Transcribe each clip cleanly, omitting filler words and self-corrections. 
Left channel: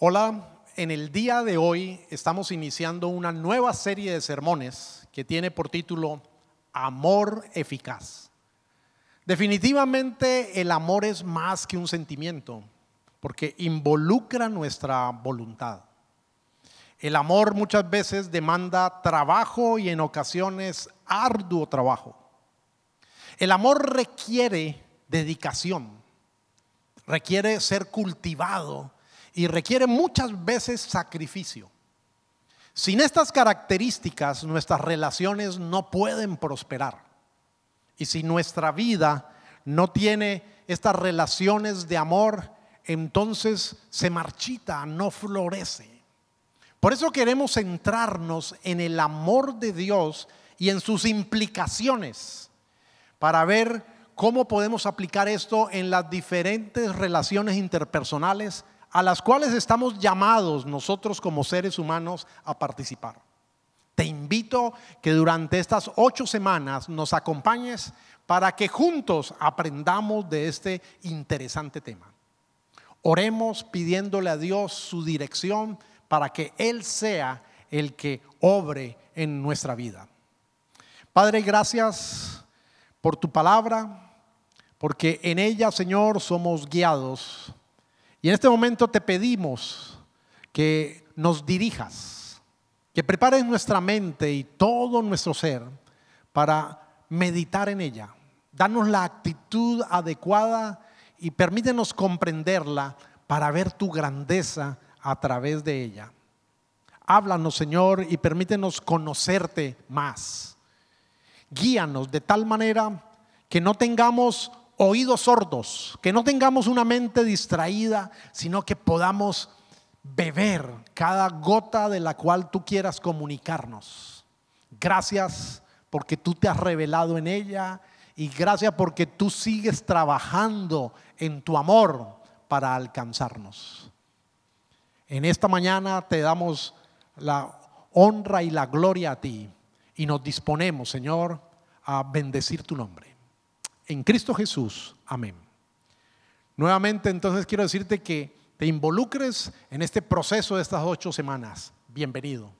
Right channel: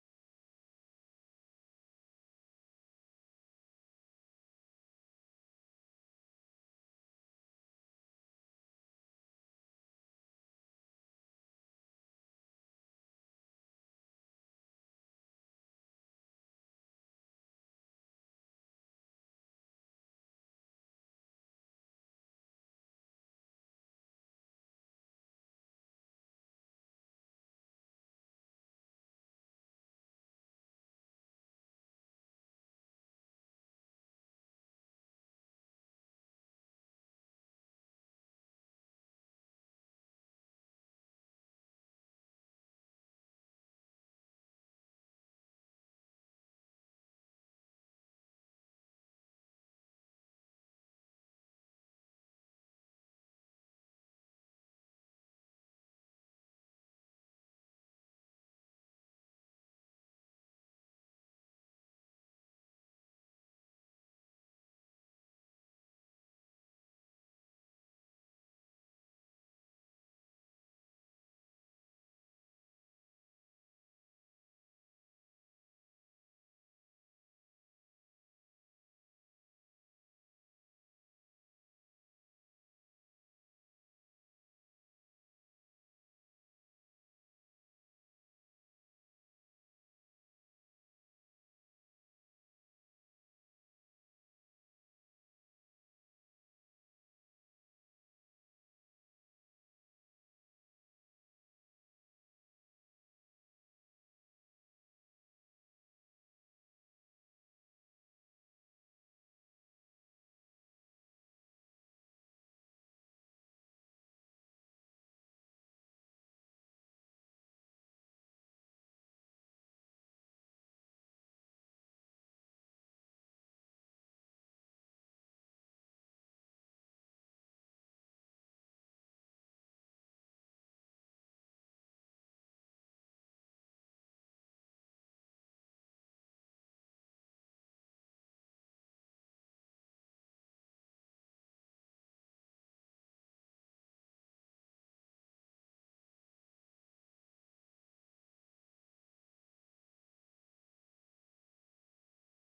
Hola, en el día de hoy estamos iniciando una nueva serie de sermones que tiene por título Amor Eficaz. Definitivamente el amor es más que un sentimiento, porque involucra nuestra voluntad. El amor muchas veces demanda trabajo y en ocasiones arduo trabajo. El amor requiere dedicación, requiere ser cultivado y requiere muchas veces sacrificio. Sin estas características, nuestras relaciones no pueden prosperar. Y si nuestra vida no tiene estas relaciones de amor, entonces se marchita, no florece. Por eso queremos centrarnos en el amor de Dios y en sus implicaciones, para ver cómo podemos aplicar esto en las diferentes relaciones interpersonales a las cuales estamos llamados nosotros como seres humanos a participar. Te invito que durante estas 8 semanas nos acompañes para que juntos aprendamos de este interesante tema. Oremos pidiéndole a Dios su dirección para que Él sea el que obre en nuestra vida. Padre, gracias por tu palabra, porque en ella, Señor, somos guiados. Y en este momento te pedimos que nos dirijas, que prepares nuestra mente y todo nuestro ser para meditar en ella. Danos la actitud adecuada y permítenos comprenderla para ver tu grandeza a través de ella. Háblanos, Señor, y permítenos conocerte más. Guíanos de tal manera que no tengamos oídos sordos, que no tengamos una mente distraída, sino que podamos beber cada gota de la cual tú quieras comunicarnos. Gracias porque tú te has revelado en ella y gracias porque tú sigues trabajando en tu amor para alcanzarnos. En esta mañana te damos la honra y la gloria a ti y nos disponemos, Señor, a bendecir tu nombre. En Cristo Jesús, amén. Nuevamente, entonces quiero decirte que te involucres en este proceso de estas 8 semanas. Bienvenido.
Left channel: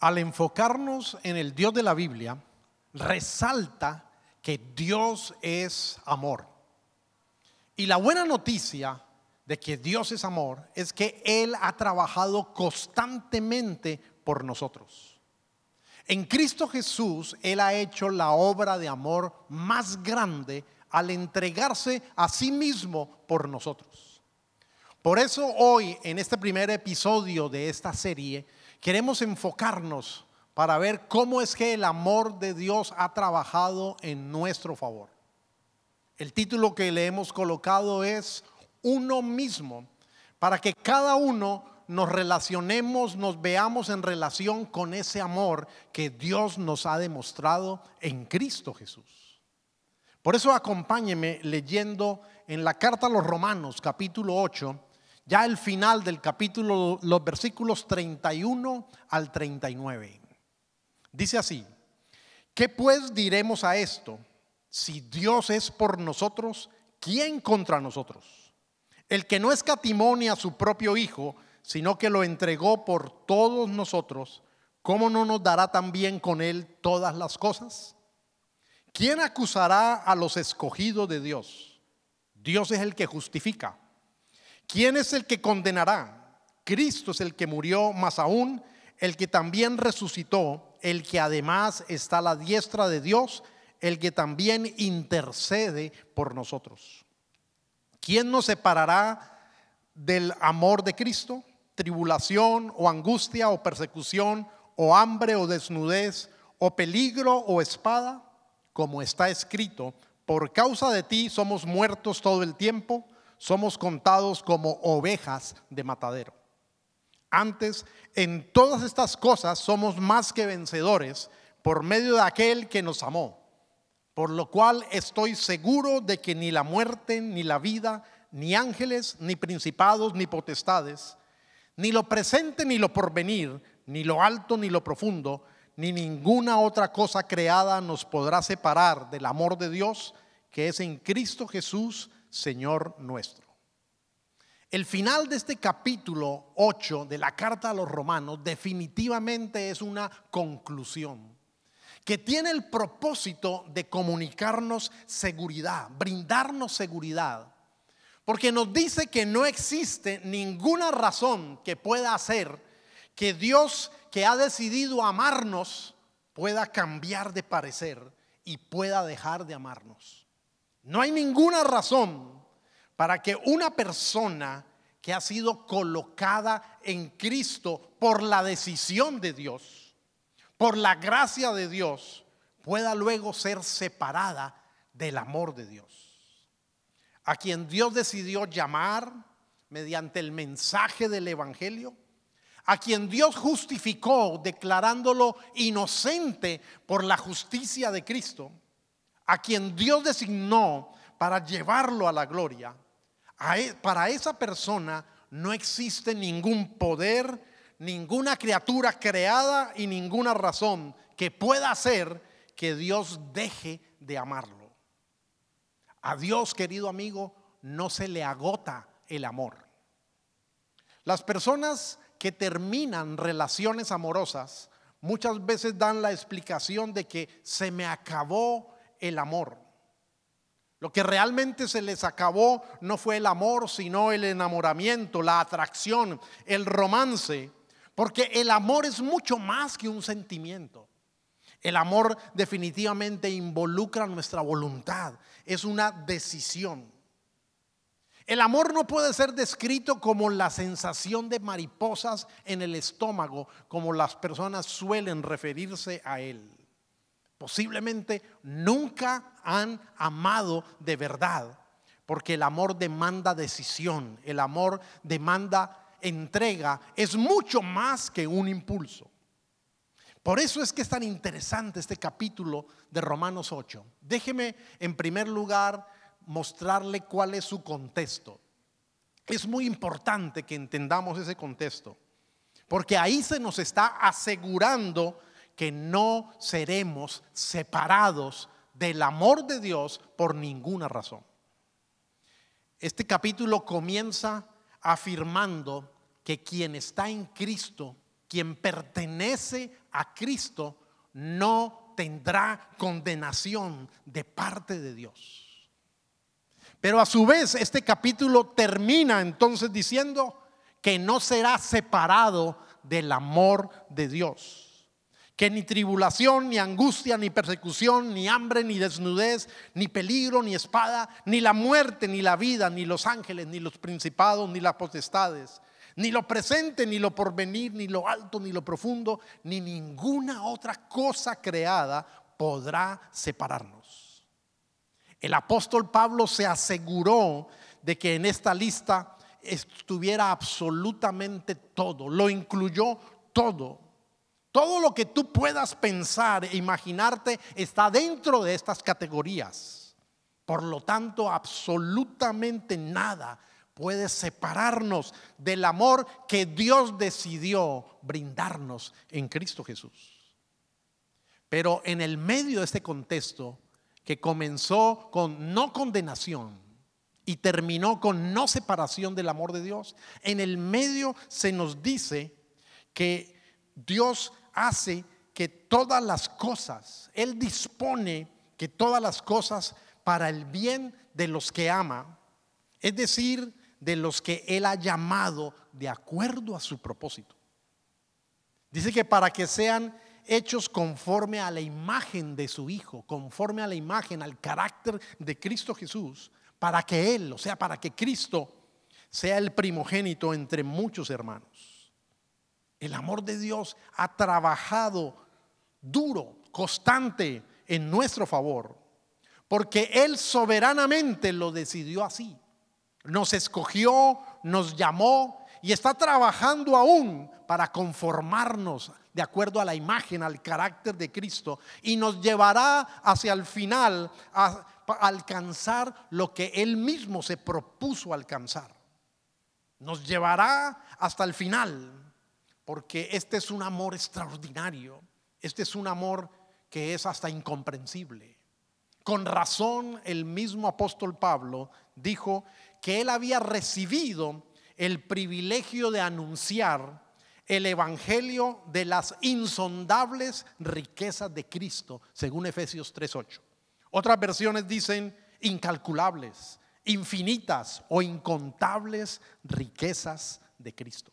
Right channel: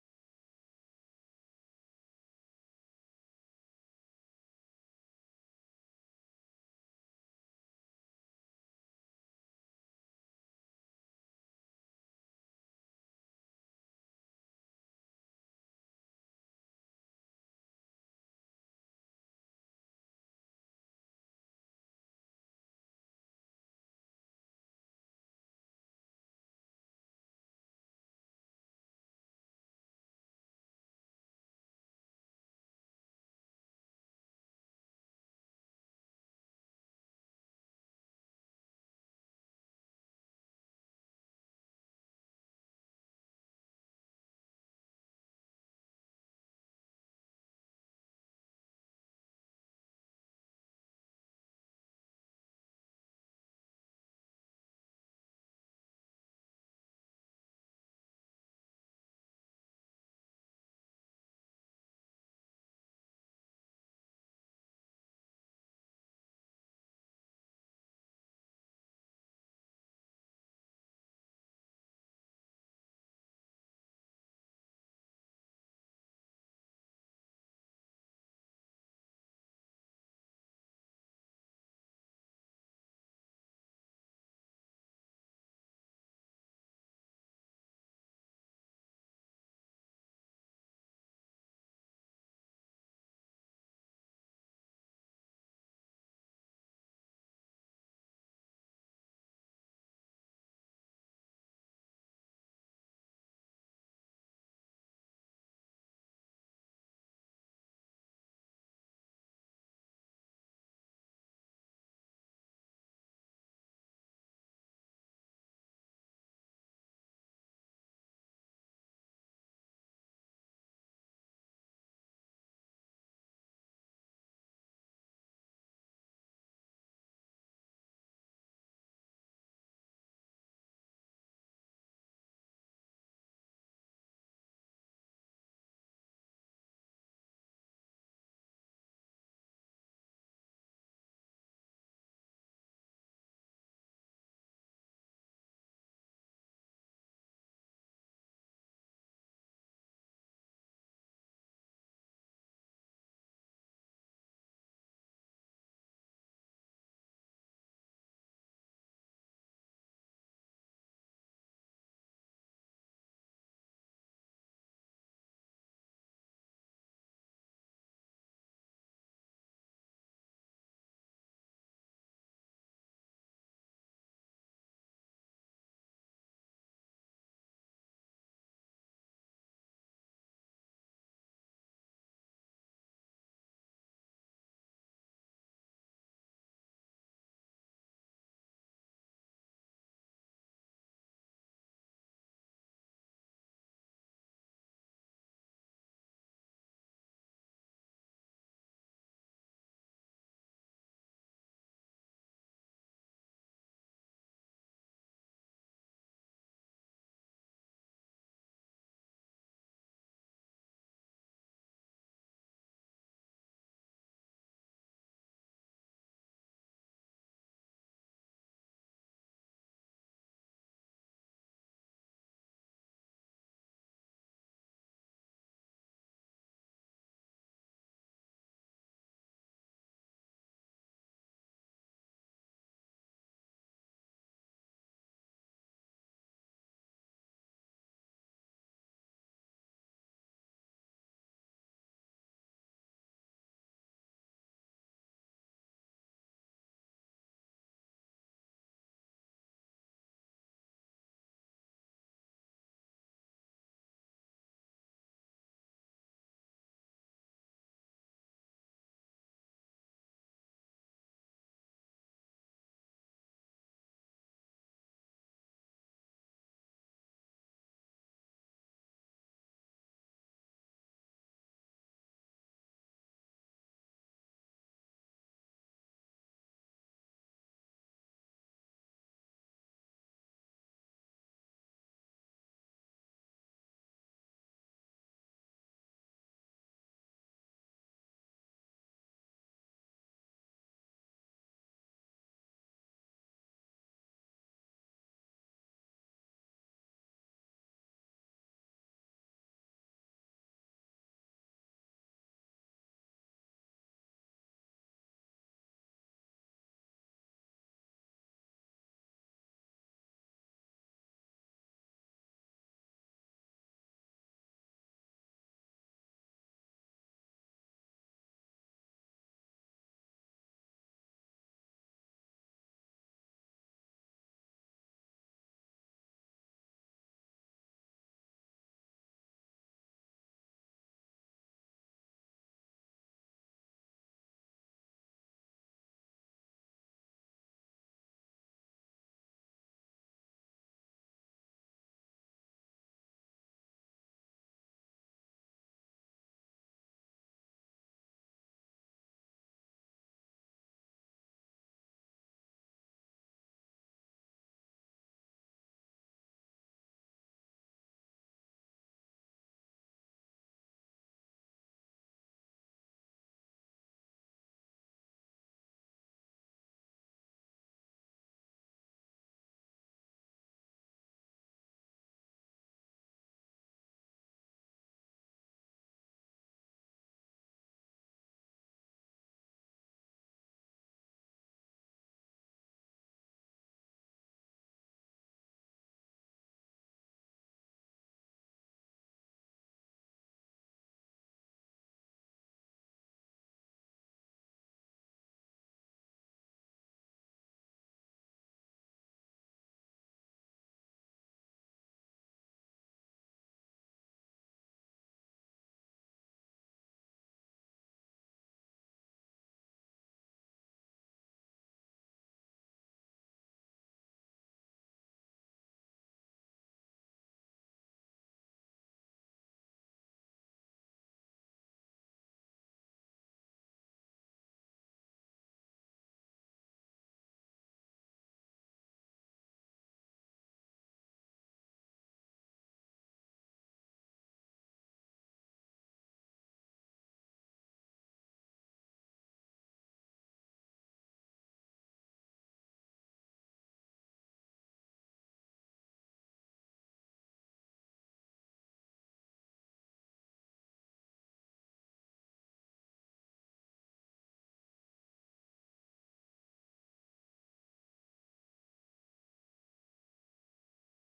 Al enfocarnos en el Dios de la Biblia, resalta que Dios es amor. Y la buena noticia de que Dios es amor es que Él ha trabajado constantemente por nosotros. En Cristo Jesús, Él ha hecho la obra de amor más grande al entregarse a sí mismo por nosotros. Por eso hoy, en este primer episodio de esta serie, queremos enfocarnos para ver cómo es que el amor de Dios ha trabajado en nuestro favor. El título que le hemos colocado es Uno mismo, para que cada uno nos relacionemos, nos veamos en relación con ese amor que Dios nos ha demostrado en Cristo Jesús. Por eso acompáñeme leyendo en la carta a los Romanos, capítulo 8, ya el final del capítulo, los versículos 31 al 39. Dice así: ¿qué pues diremos a esto? Si Dios es por nosotros, ¿quién contra nosotros? El que no escatimó ni a su propio Hijo, sino que lo entregó por todos nosotros, ¿cómo no nos dará también con él todas las cosas? ¿Quién acusará a los escogidos de Dios? Dios es el que justifica. ¿Quién es el que condenará? Cristo es el que murió, más aún el que también resucitó, el que además está a la diestra de Dios, el que también intercede por nosotros. ¿Quién nos separará del amor de Cristo? ¿Tribulación o angustia o persecución o hambre o desnudez o peligro o espada? Como está escrito: por causa de ti somos muertos todo el tiempo, somos contados como ovejas de matadero. Antes, en todas estas cosas somos más que vencedores por medio de aquel que nos amó. Por lo cual estoy seguro de que ni la muerte, ni la vida, ni ángeles, ni principados, ni potestades, ni lo presente, ni lo porvenir, ni lo alto, ni lo profundo, ni ninguna otra cosa creada nos podrá separar del amor de Dios que es en Cristo Jesús, Señor nuestro. El final de este capítulo 8 de la carta a los Romanos definitivamente es una conclusión que tiene el propósito de comunicarnos seguridad, brindarnos seguridad, porque nos dice que no existe ninguna razón que pueda hacer que Dios, que ha decidido amarnos, pueda cambiar de parecer y pueda dejar de amarnos. No hay ninguna razón para que una persona que ha sido colocada en Cristo por la decisión de Dios, por la gracia de Dios, pueda luego ser separada del amor de Dios. A quien Dios decidió llamar mediante el mensaje del evangelio, a quien Dios justificó declarándolo inocente por la justicia de Cristo, a quien Dios designó para llevarlo a la gloria, para esa persona no existe ningún poder, ninguna criatura creada y ninguna razón que pueda hacer que Dios deje de amarlo. A Dios, querido amigo, no se le agota el amor. Las personas que terminan relaciones amorosas muchas veces dan la explicación de que se me acabó el amor. Lo que realmente se les acabó no fue el amor, sino el enamoramiento, la atracción, el romance, porque el amor es mucho más que un sentimiento. El amor definitivamente involucra nuestra voluntad, es una decisión. El amor no puede ser descrito como la sensación de mariposas en el estómago, como las personas suelen referirse a él. Posiblemente nunca han amado de verdad, porque el amor demanda decisión, el amor demanda entrega, es mucho más que un impulso. Por eso es que es tan interesante este capítulo de Romanos 8. Déjeme en primer lugar mostrarle cuál es su contexto. Es muy importante que entendamos ese contexto, porque ahí se nos está asegurando que no seremos separados del amor de Dios por ninguna razón. Este capítulo comienza afirmando que quien está en Cristo, quien pertenece a Cristo, no tendrá condenación de parte de Dios. Pero a su vez este capítulo termina entonces diciendo que no será separado del amor de Dios, que ni tribulación, ni angustia, ni persecución, ni hambre, ni desnudez, ni peligro, ni espada, ni la muerte, ni la vida, ni los ángeles, ni los principados, ni las potestades, ni lo presente, ni lo porvenir, ni lo alto, ni lo profundo, ni ninguna otra cosa creada podrá separarnos. El apóstol Pablo se aseguró de que en esta lista estuviera absolutamente todo, lo incluyó todo. Todo lo que tú puedas pensar e imaginarte está dentro de estas categorías. Por lo tanto, absolutamente nada puede separarnos del amor que Dios decidió brindarnos en Cristo Jesús. Pero en el medio de este contexto, que comenzó con no condenación y terminó con no separación del amor de Dios, en el medio se nos dice que Dios hace que todas las cosas, Él dispone que todas las cosas para el bien de los que ama, es decir, de los que Él ha llamado de acuerdo a su propósito. Dice que para que sean hechos conforme a la imagen de su Hijo, conforme a la imagen, al carácter de Cristo Jesús, para que Él, o sea, para que Cristo sea el primogénito entre muchos hermanos. El amor de Dios ha trabajado duro, constante en nuestro favor, porque Él soberanamente lo decidió así. Nos escogió, nos llamó y está trabajando aún para conformarnos de acuerdo a la imagen, al carácter de Cristo, y nos llevará hacia el final a alcanzar lo que Él mismo se propuso alcanzar. Nos llevará hasta el final, porque este es un amor extraordinario. Este es un amor que es hasta incomprensible. Con razón, el mismo apóstol Pablo dijo que él había recibido el privilegio de anunciar el evangelio de las insondables riquezas de Cristo, según Efesios 3:8. Otras versiones dicen incalculables, infinitas o incontables riquezas de Cristo.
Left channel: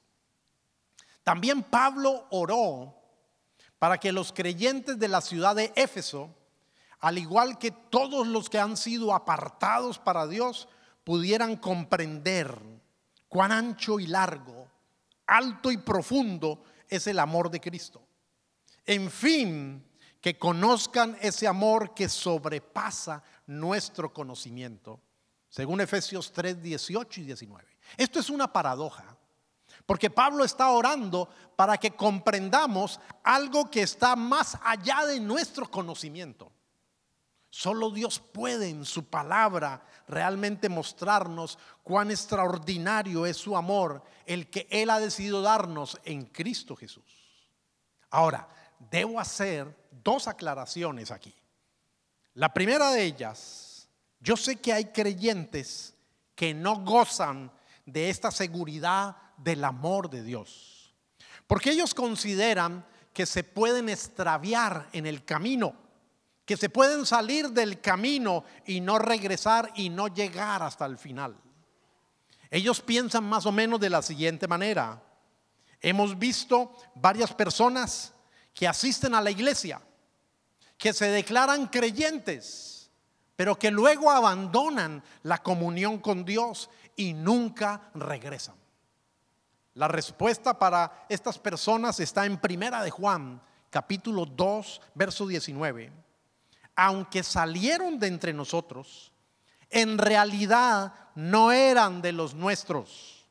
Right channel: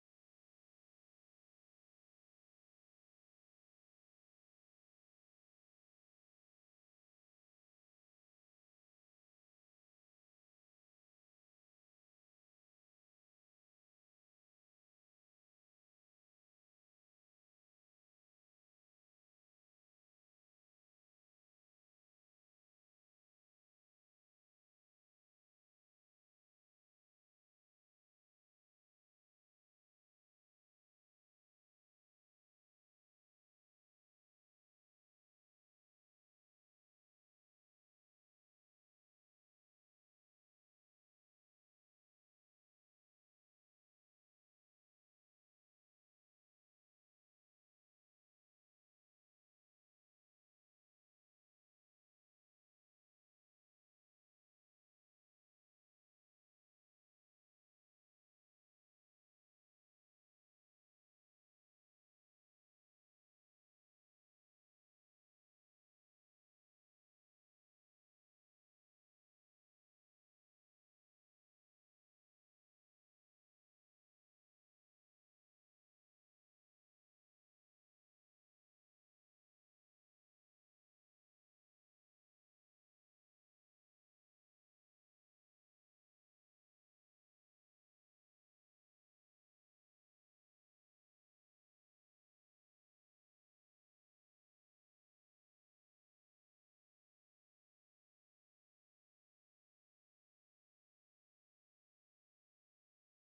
También Pablo oró para que los creyentes de la ciudad de Éfeso, al igual que todos los que han sido apartados para Dios, pudieran comprender cuán ancho y largo, alto y profundo es el amor de Cristo. En fin, que conozcan ese amor que sobrepasa nuestro conocimiento, según Efesios 3:18 y 19. Esto es una paradoja, porque Pablo está orando para que comprendamos algo que está más allá de nuestro conocimiento. Solo Dios puede en su palabra realmente mostrarnos cuán extraordinario es su amor, el que Él ha decidido darnos en Cristo Jesús. Ahora, debo hacer dos aclaraciones aquí. La primera de ellas, yo sé que hay creyentes que no gozan de esta seguridad del amor de Dios, porque ellos consideran que se pueden extraviar en el camino, que se pueden salir del camino y no regresar y no llegar hasta el final. Ellos piensan más o menos de la siguiente manera: hemos visto varias personas que asisten a la iglesia, que se declaran creyentes, pero que luego abandonan la comunión con Dios y nunca regresan. La respuesta para estas personas está en Primera de Juan, capítulo 2, verso 19. Aunque salieron de entre nosotros, en realidad no eran de los nuestros.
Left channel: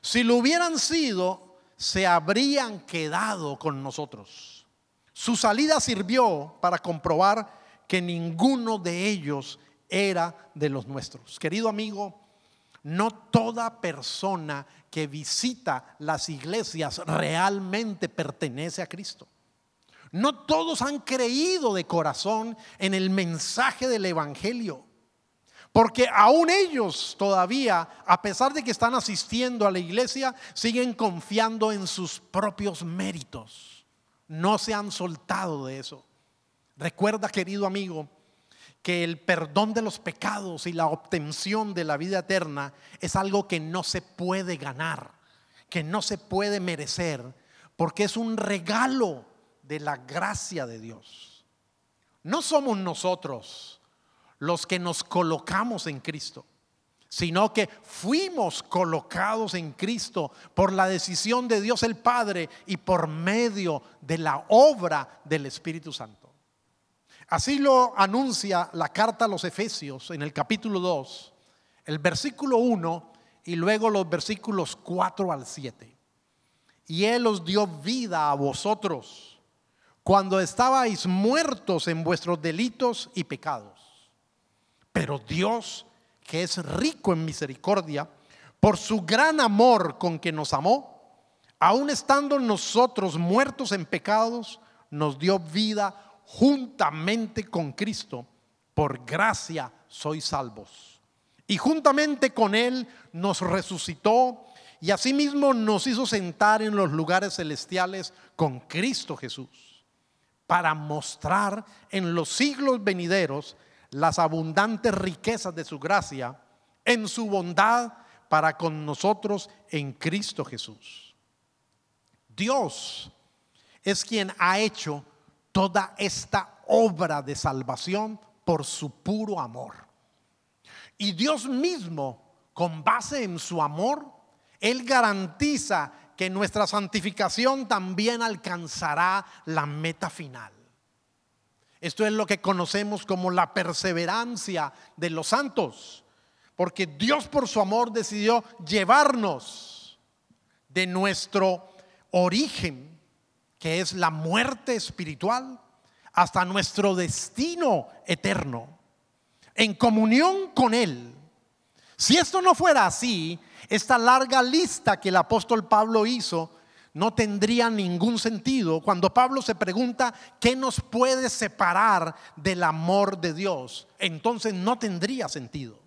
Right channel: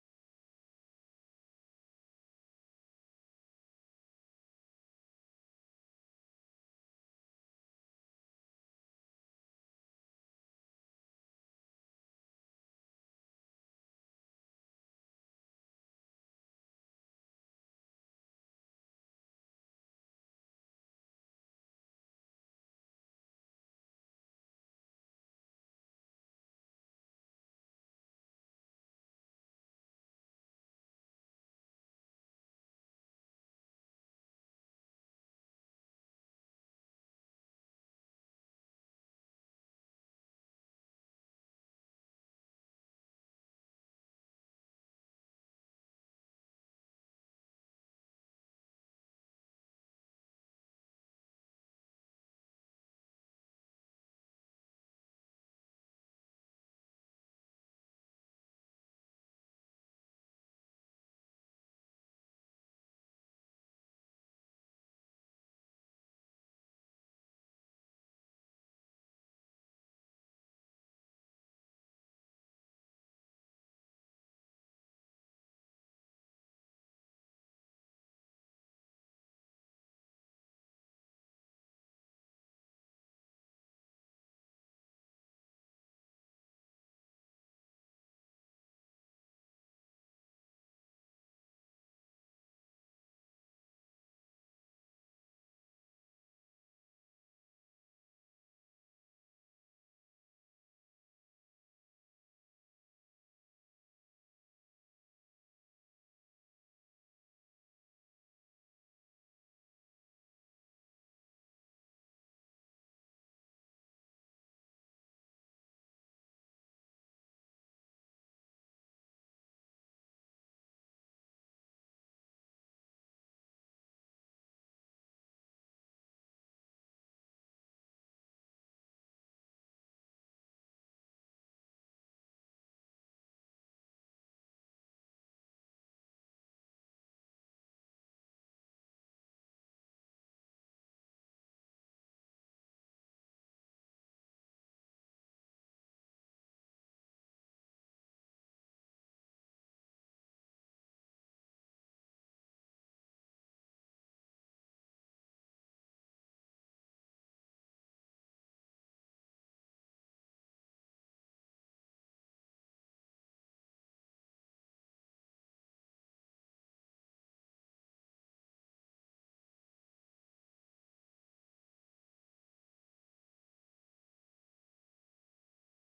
Si lo hubieran sido, se habrían quedado con nosotros. Su salida sirvió para comprobar que ninguno de ellos era de los nuestros. Querido amigo, no toda persona que visita las iglesias realmente pertenece a Cristo. No todos han creído de corazón en el mensaje del evangelio, porque aún ellos todavía, a pesar de que están asistiendo a la iglesia, siguen confiando en sus propios méritos. No se han soltado de eso. Recuerda, querido amigo, que el perdón de los pecados y la obtención de la vida eterna es algo que no se puede ganar, que no se puede merecer, porque es un regalo de la gracia de Dios. No somos nosotros los que nos colocamos en Cristo, sino que fuimos colocados en Cristo por la decisión de Dios el Padre y por medio de la obra del Espíritu Santo. Así lo anuncia la carta a los Efesios en el capítulo 2, el versículo 1 y luego los versículos 4 al 7. Y Él os dio vida a vosotros cuando estabais muertos en vuestros delitos y pecados, Pero Dios, que es rico en misericordia, por su gran amor con que nos amó, aun estando nosotros muertos en pecados, nos dio vida juntamente con Cristo. Por gracia sois salvos. Y juntamente con Él nos resucitó y asimismo nos hizo sentar en los lugares celestiales con Cristo Jesús, para mostrar en los siglos venideros las abundantes riquezas de su gracia en su bondad para con nosotros en Cristo Jesús. Dios es quien ha hecho toda esta obra de salvación por su puro amor. Y Dios mismo, con base en su amor, Él garantiza que nuestra santificación también alcanzará la meta final. Esto es lo que conocemos como la perseverancia de los santos, porque Dios por su amor decidió llevarnos de nuestro origen, que es la muerte espiritual, hasta nuestro destino eterno, en comunión con Él. Si esto no fuera así, esta larga lista que el apóstol Pablo hizo no tendría ningún sentido. Cuando Pablo se pregunta ¿qué nos puede separar del amor de Dios?, entonces no tendría sentido.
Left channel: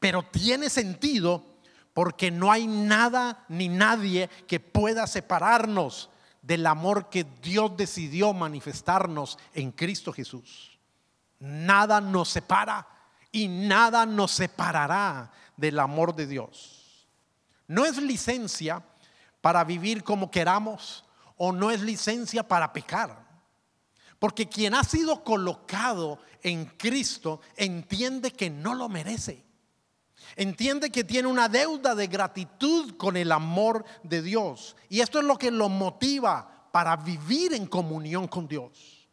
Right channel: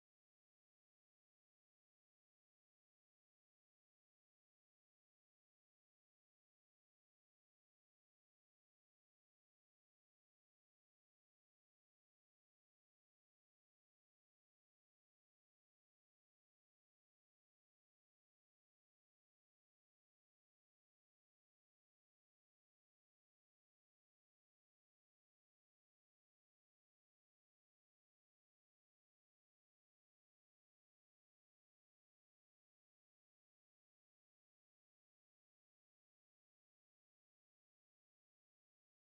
Pero tiene sentido porque no hay nada ni nadie que pueda separarnos del amor que Dios decidió manifestarnos en Cristo Jesús. Nada nos separa y nada nos separará del amor de Dios. No es licencia para vivir como queramos, o no es licencia para pecar, porque quien ha sido colocado en Cristo entiende que no lo merece, entiende que tiene una deuda de gratitud con el amor de Dios, y esto es lo que lo motiva para vivir en comunión con Dios.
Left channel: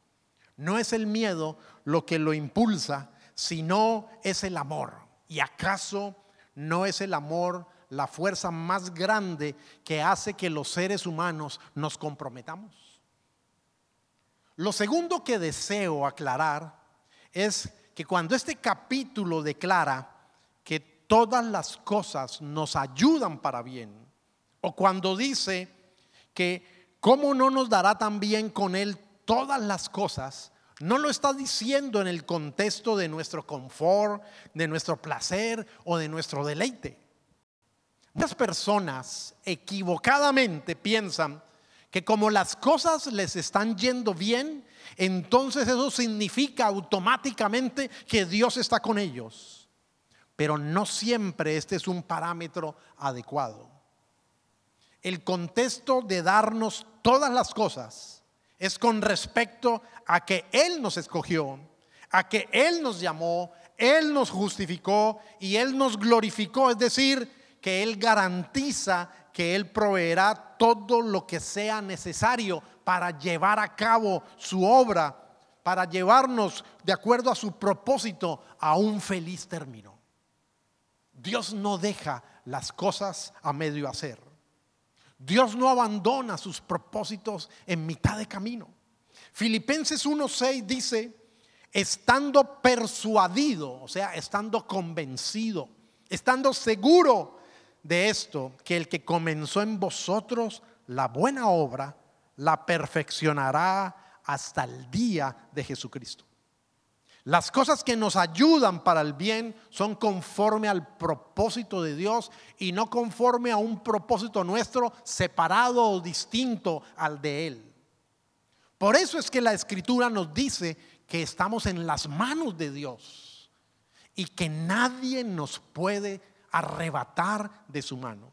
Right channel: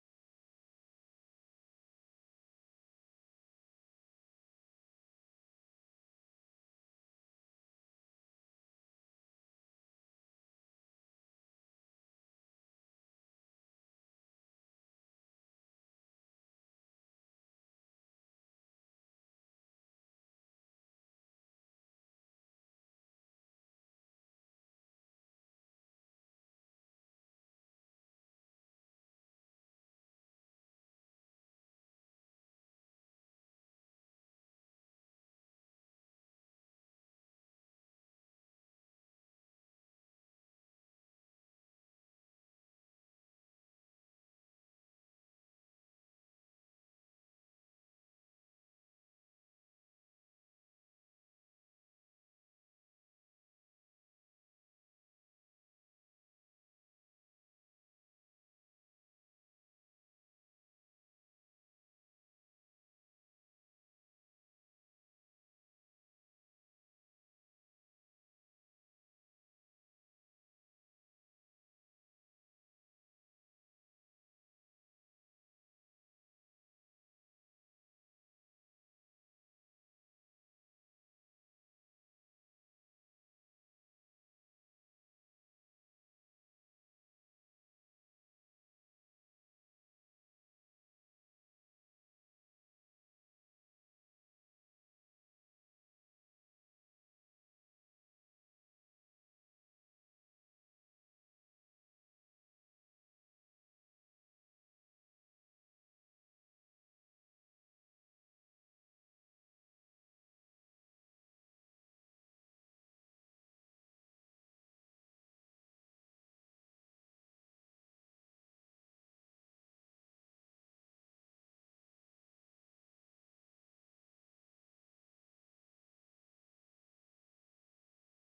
No es el miedo lo que lo impulsa, sino es el amor. ¿Y acaso no es el amor la fuerza más grande que hace que los seres humanos nos comprometamos? Lo segundo que deseo aclarar es que cuando este capítulo declara que todas las cosas nos ayudan para bien, o cuando dice que cómo no nos dará también con Él todas las cosas, no lo está diciendo en el contexto de nuestro confort, de nuestro placer o de nuestro deleite. Muchas personas equivocadamente piensan que como las cosas les están yendo bien, entonces eso significa automáticamente que Dios está con ellos. Pero no siempre este es un parámetro adecuado. El contexto de darnos todas las cosas es con respecto a que Él nos escogió, a que Él nos llamó, Él nos justificó y Él nos glorificó. Es decir, que Él garantiza que Él proveerá todo lo que sea necesario para llevar a cabo su obra, para llevarnos de acuerdo a su propósito a un feliz término. Dios no deja las cosas a medio hacer. Dios no abandona sus propósitos en mitad de camino. Filipenses 1:6 dice: estando persuadido, o sea, estando convencido, estando seguro de esto, que el que comenzó en vosotros la buena obra, la perfeccionará hasta el día de Jesucristo. Las cosas que nos ayudan para el bien son conforme al propósito de Dios y no conforme a un propósito nuestro separado o distinto al de Él. Por eso es que la Escritura nos dice que estamos en las manos de Dios y que nadie nos puede arrebatar de su mano.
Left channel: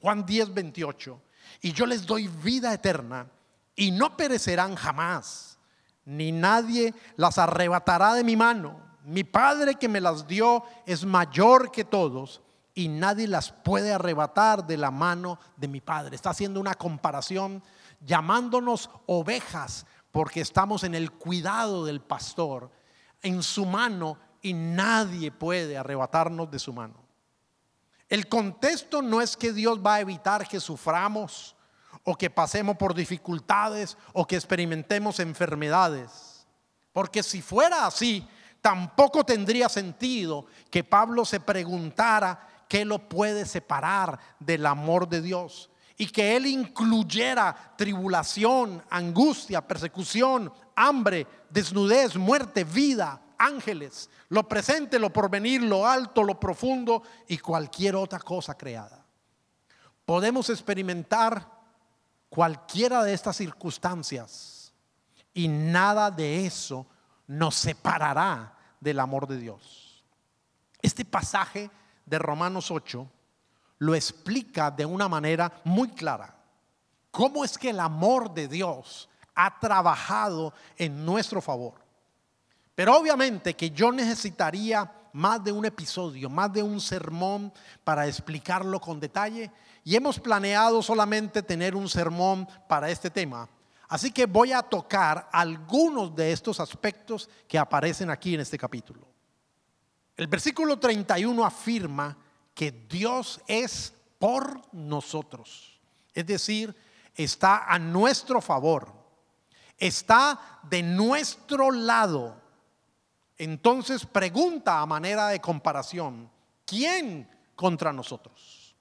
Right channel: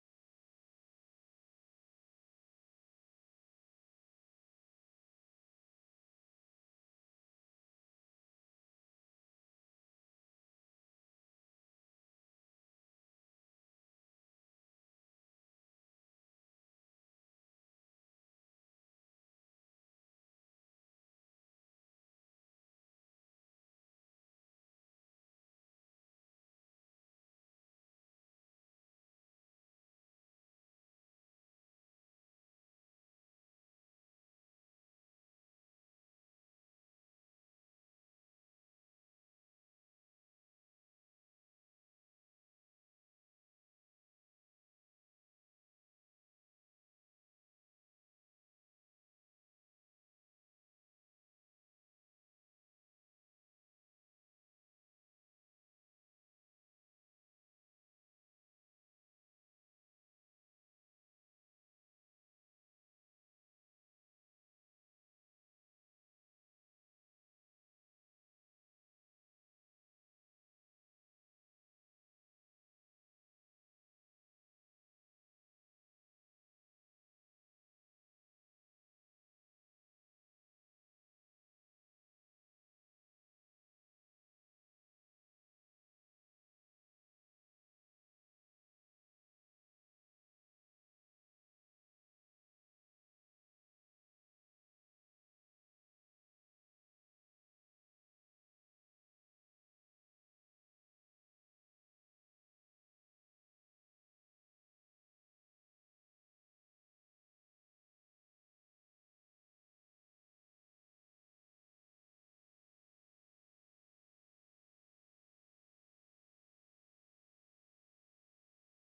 Juan 10:28: y yo les doy vida eterna y no perecerán jamás, ni nadie las arrebatará de mi mano. Mi Padre que me las dio es mayor que todos y nadie las puede arrebatar de la mano de mi Padre. Está haciendo una comparación, llamándonos ovejas porque estamos en el cuidado del pastor, en su mano, y nadie puede arrebatarnos de su mano. El contexto no es que Dios va a evitar que suframos o que pasemos por dificultades o que experimentemos enfermedades, porque si fuera así, tampoco tendría sentido que Pablo se preguntara qué lo puede separar del amor de Dios, y que él incluyera tribulación, angustia, persecución, hambre, desnudez, muerte, vida, ángeles, lo presente, lo porvenir, lo alto, lo profundo y cualquier otra cosa creada. Podemos experimentar cualquiera de estas circunstancias y nada de eso nos separará del amor de Dios. Este pasaje de Romanos 8 lo explica de una manera muy clara. ¿Cómo es que el amor de Dios ha trabajado en nuestro favor? Pero obviamente que yo necesitaría más de un episodio, más de un sermón para explicarlo con detalle, y hemos planeado solamente tener un sermón para este tema. Así que voy a tocar algunos de estos aspectos que aparecen aquí en este capítulo. El versículo 31 afirma que Dios es por nosotros, es decir, está a nuestro favor, está de nuestro lado. Entonces pregunta a manera de comparación: ¿quién contra nosotros?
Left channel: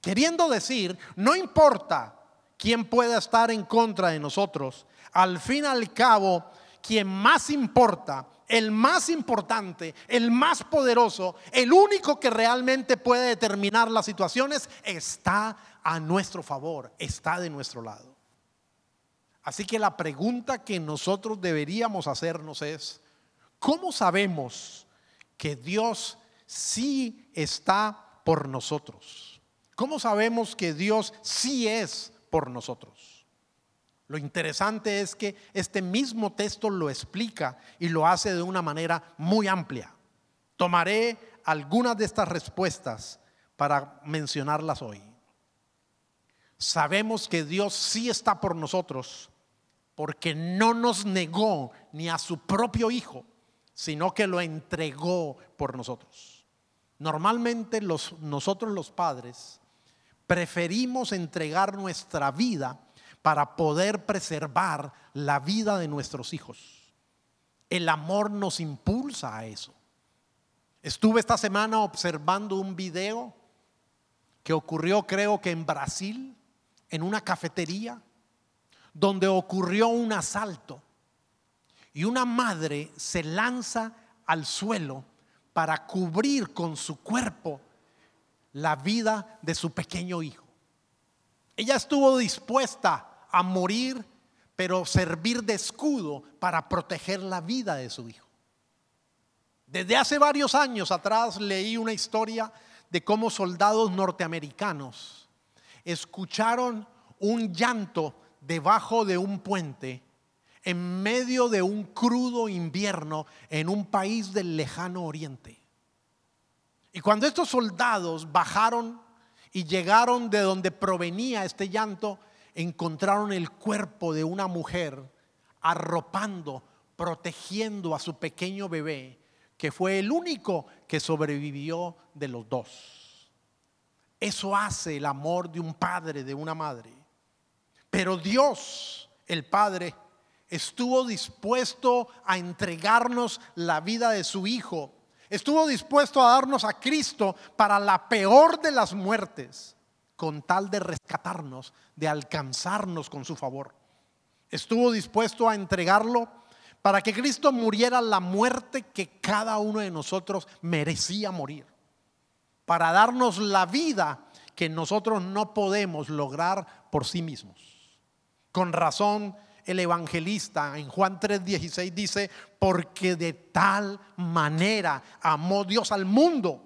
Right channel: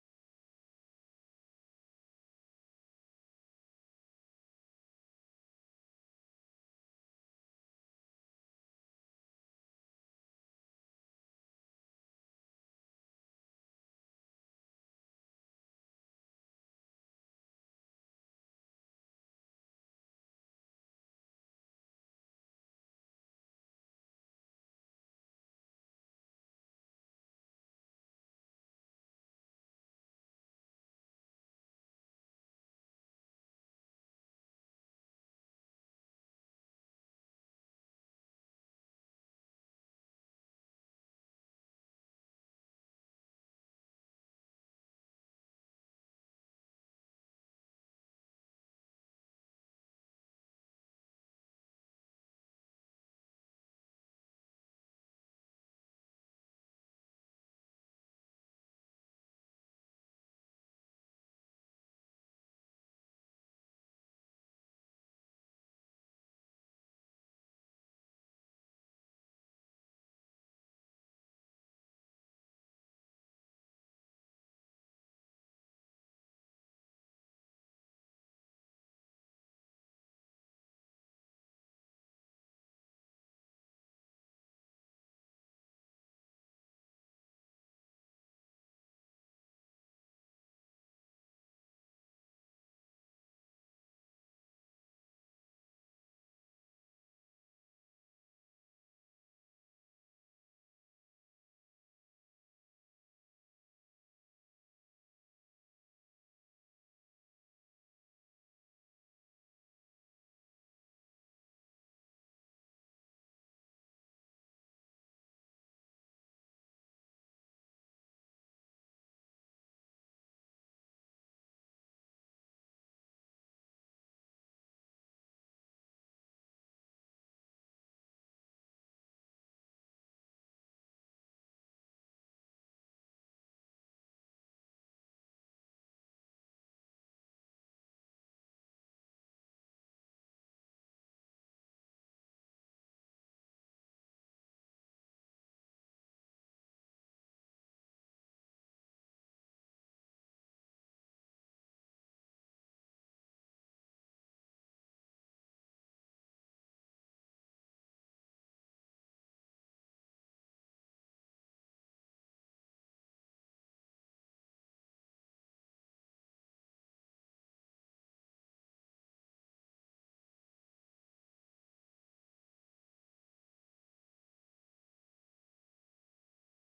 Queriendo decir, no importa quién pueda estar en contra de nosotros, al fin y al cabo, quien más importa, el más importante, el más poderoso, el único que realmente puede determinar las situaciones, está a nuestro favor, está de nuestro lado. Así que la pregunta que nosotros deberíamos hacernos es: ¿cómo sabemos que Dios sí está por nosotros? ¿Cómo sabemos que Dios sí es por nosotros? Lo interesante es que este mismo texto lo explica y lo hace de una manera muy amplia. Tomaré algunas de estas respuestas para mencionarlas hoy. Sabemos que Dios sí está por nosotros porque no nos negó ni a su propio Hijo, sino que lo entregó por nosotros. Normalmente nosotros los padres preferimos entregar nuestra vida para poder preservar la vida de nuestros hijos. El amor nos impulsa a eso. Estuve esta semana observando un video que ocurrió, creo que en Brasil, en una cafetería, donde ocurrió un asalto y una madre se lanza al suelo para cubrir con su cuerpo la vida de su pequeño hijo. Ella estuvo dispuesta a morir, pero servir de escudo para proteger la vida de su hijo. Desde hace varios años atrás leí una historia de cómo soldados norteamericanos escucharon un llanto debajo de un puente en medio de un crudo invierno en un país del lejano oriente. Y cuando estos soldados bajaron y llegaron de donde provenía este llanto, encontraron el cuerpo de una mujer arropando, protegiendo a su pequeño bebé, que fue el único que sobrevivió de los dos. Eso hace el amor de un padre, de una madre. Pero Dios, el Padre, estuvo dispuesto a entregarnos la vida de su Hijo. Estuvo dispuesto a darnos a Cristo para la peor de las muertes, con tal de rescatarnos, de alcanzarnos con su favor. Estuvo dispuesto a entregarlo para que Cristo muriera la muerte que cada uno de nosotros merecía morir, para darnos la vida que nosotros no podemos lograr por sí mismos. Con razón, el evangelista en Juan 3:16 dice: porque de tal manera amó Dios al mundo,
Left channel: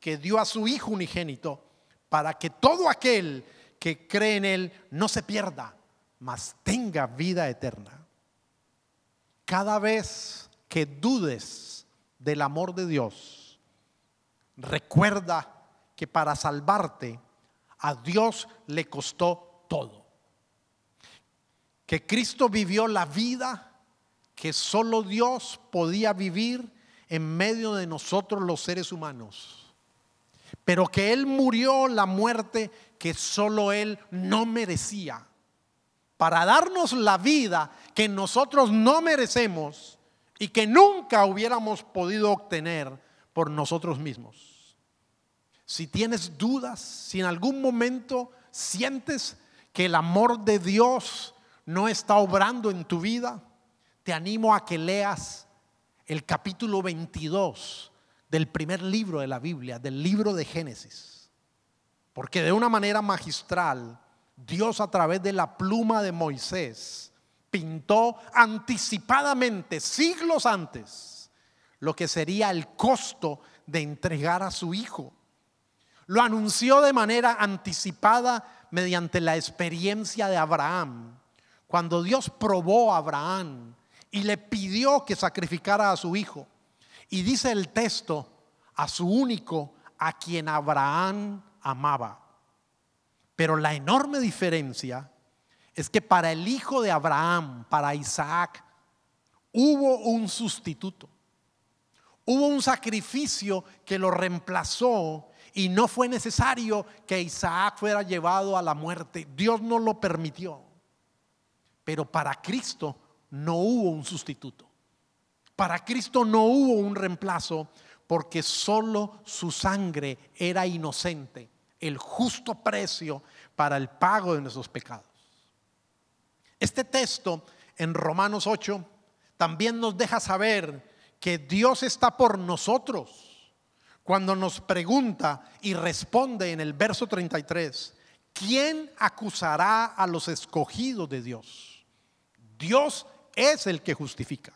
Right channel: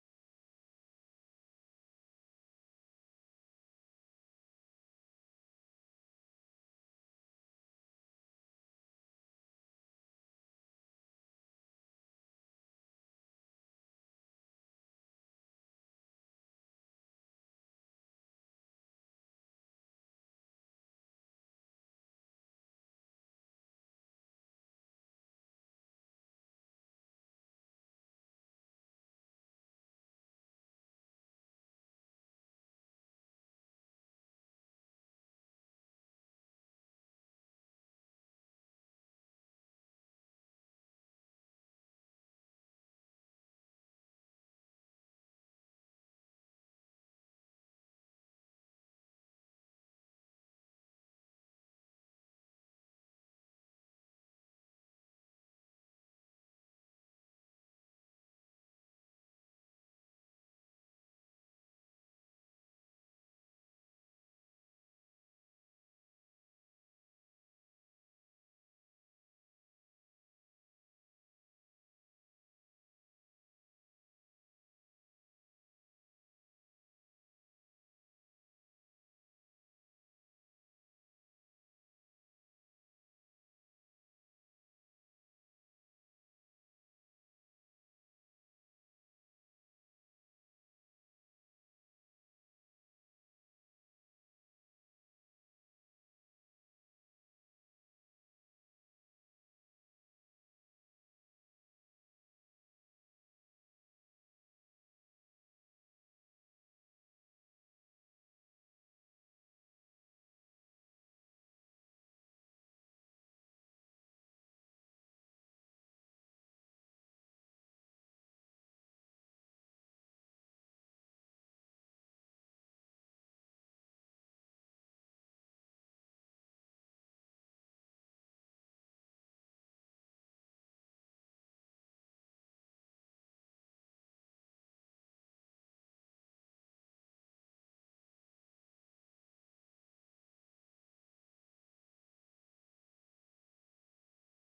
que dio a su Hijo unigénito, para que todo aquel que cree en Él no se pierda, mas tenga vida eterna. Cada vez que dudes del amor de Dios, recuerda que para salvarte a Dios le costó todo. Que Cristo vivió la vida que solo Dios podía vivir en medio de nosotros los seres humanos, pero que Él murió la muerte que solo Él no merecía, para darnos la vida que nosotros no merecemos y que nunca hubiéramos podido obtener por nosotros mismos. Si tienes dudas, si en algún momento sientes que el amor de Dios no está obrando en tu vida, te animo a que leas el capítulo 22 del primer libro de la Biblia, del libro de Génesis. Porque de una manera magistral, Dios a través de la pluma de Moisés pintó anticipadamente, siglos antes, lo que sería el costo de entregar a su hijo. Lo anunció de manera anticipada mediante la experiencia de Abraham, cuando Dios probó a Abraham y le pidió que sacrificara a su hijo. Y dice el texto, a su único, a quien Abraham amaba. Pero la enorme diferencia es que para el hijo de Abraham, para Isaac, hubo un sustituto. Hubo un sacrificio que lo reemplazó y no fue necesario que Isaac fuera llevado a la muerte. Dios no lo permitió. Pero para Cristo no hubo un sustituto. Para Cristo no hubo un reemplazo, porque solo su sangre era inocente, el justo precio para el pago de nuestros pecados. Este texto en Romanos 8 también nos deja saber que Dios está por nosotros cuando nos pregunta y responde en el verso 33: ¿quién acusará a los escogidos de Dios? Dios es el que justifica.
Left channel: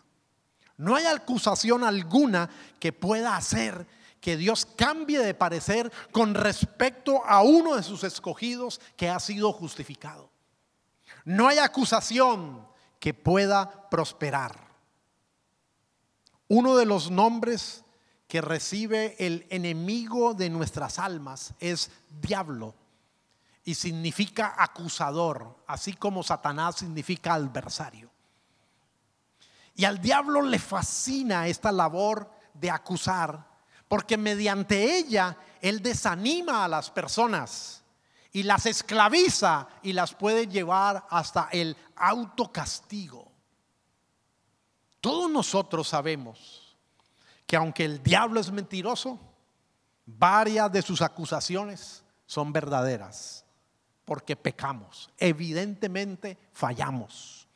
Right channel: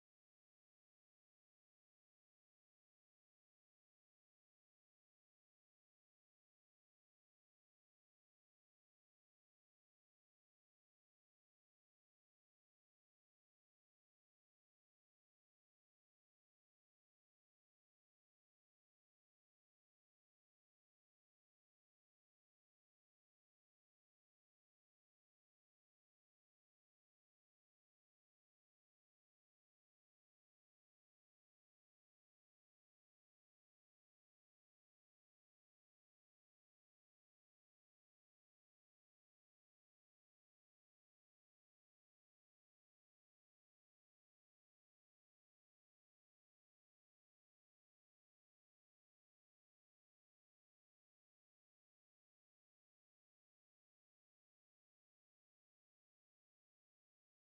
No hay acusación alguna que pueda hacer que Dios cambie de parecer con respecto a uno de sus escogidos que ha sido justificado. No hay acusación que pueda prosperar. Uno de los nombres que recibe el enemigo de nuestras almas es diablo, y significa acusador, así como Satanás significa adversario. Y al diablo le fascina esta labor de acusar, porque mediante ella él desanima a las personas y las esclaviza y las puede llevar hasta el autocastigo. Todos nosotros sabemos que aunque el diablo es mentiroso, varias de sus acusaciones son verdaderas, porque pecamos, evidentemente fallamos.